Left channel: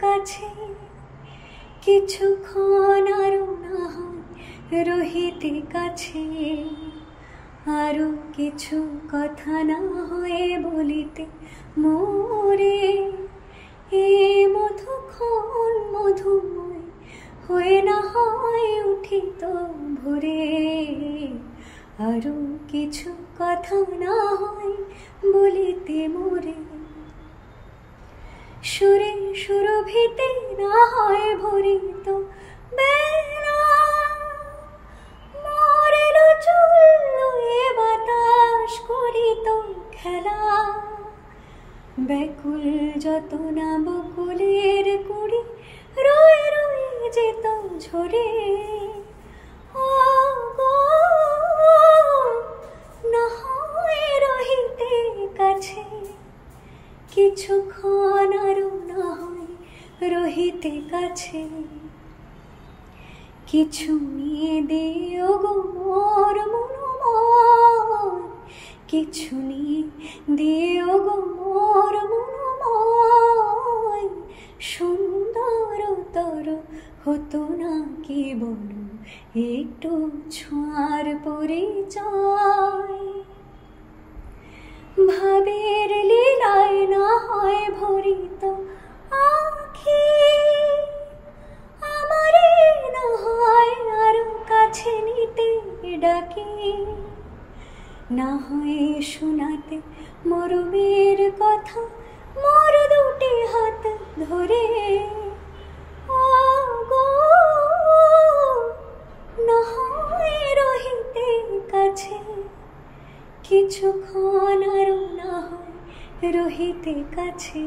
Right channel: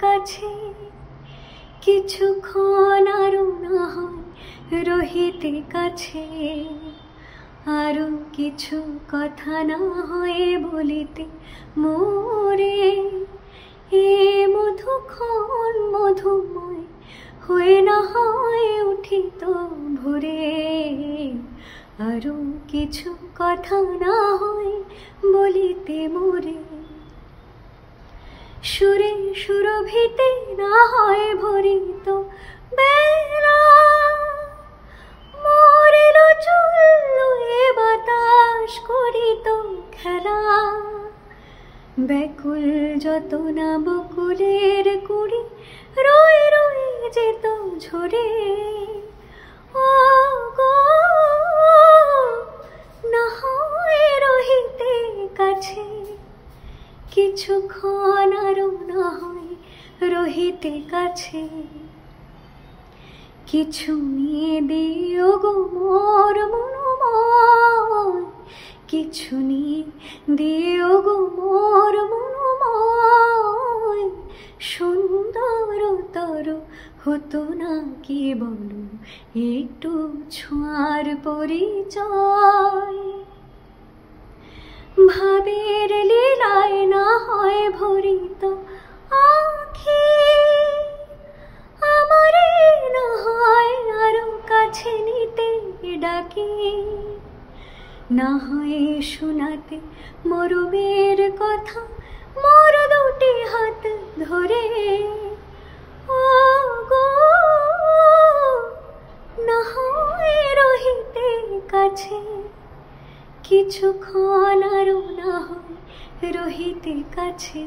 কাছে কিছুক্ষণ আরো না হয় রহিতে কাছে আরো কিছু কথা না হয় বলিতে মোরে এ মধুক্ষণ মধুময় হয়ে না হয় উঠিত ভোরে আরো কিছু কথা না হয় বলিতে মোরে সুরে সুরভিতে না হয় ভরিত বেলা মরিল চুল এ বাতাস করিত খেলা ব্যাকুল যত না বকুলের কুড়ি রয়ে রয়ে যেত ঝরে ও গো না হয় রহিতে কাছে কিছুক্ষণ আরো না হয় রহিতে কাছে কিছু নিয়ে দিও গো মোর মনোময় কিছু নিয়ে দিও গো মোর মনোময় সুন্দরতর হতো না কি বলো একটু ছোঁয়ার পরিচয় ভাবের লীলায় না হয় ভরিত আখি আমারে না হয় আরো কাছে নিতে ডাকি না হয় শোনাতে মরমের কথা মোর দুটি হাত ধরে ও গো না হয় রহিতে কাছে কিছুক্ষণ আরো না হয় রহিতে কাছে।